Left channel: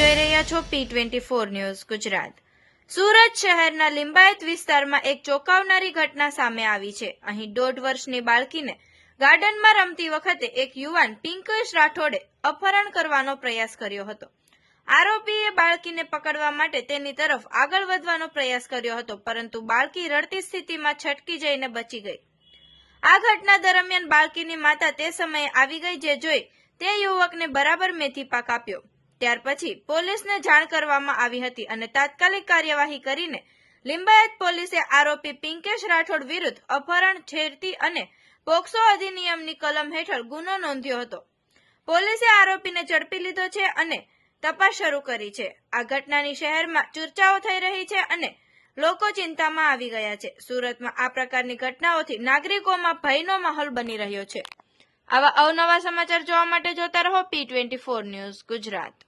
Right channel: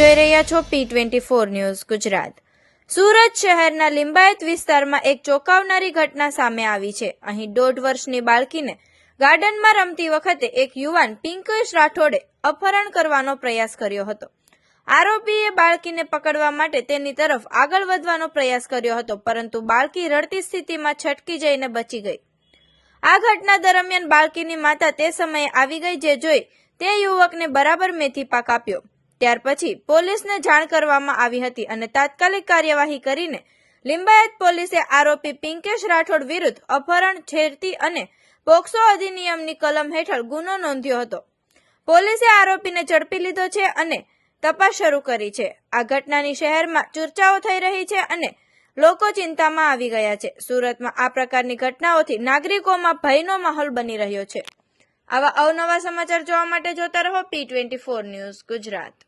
જોઈ રહ્યા છો P24 ન્યૂઝ ગુજરાત। સુરત શહેરના લિંબાયત વિસ્તારમાં એક ચોંકાવનારી ઘટના સામે આવી છે। અહીં 1.5 વર્ષની બાળકીને ગાર્ડનમાં રમતી વખતે એક યુવાન પિંકેશ રાઠોડે અપહરણ કરવાનો પ્રયાસ કર્યો હતો। આરોપીએ બાળકીને પકડવા માટે તેની તરફ આગળ વધવાનો પ્રયાસ કર્યો હતો, પરંતુ બાળકી રડતી સ્થિતિમાં છટકી જઈને બચી ગઈ। આ ઘટના દરમિયાન બાળકીની માતા તે સમયે આવી ગઈ, જે જોઈ તે યુવકને બરાબર મેથી પાક આપ્યો। ત્યાર પછી પોલીસને જાણ કરવામાં આવી હતી અને તાત્કાલિક કાર્યવાહી કરીને લિંબાયત પોલીસે આરોપી પિંકેશ રાઠોડ વિરુદ્ધ અપહરણ, છેડતી અને પોક્સો અધિનિયમની કલમ હેઠળ ગુનો નોંધ્યો હતો। પોલીસે આરોપીને ઝડપી લીધો છે અને તપાસ શરૂ કરી છે। આ ઘટનાની શહેરમાં ચર્ચાઓ થઈ રહી છે અને લોકો ચિંતામાં આવી ગયા છે। સુરતમાં આ પ્રકારની ઘટનાઓથી નાગરિકોમાં ભયનો માહોલ બની રહ્યો છે। આવા અવનવા સમાચાર જોવા માટે જોતા રહો P24 ન્યૂઝ ગુજરાત।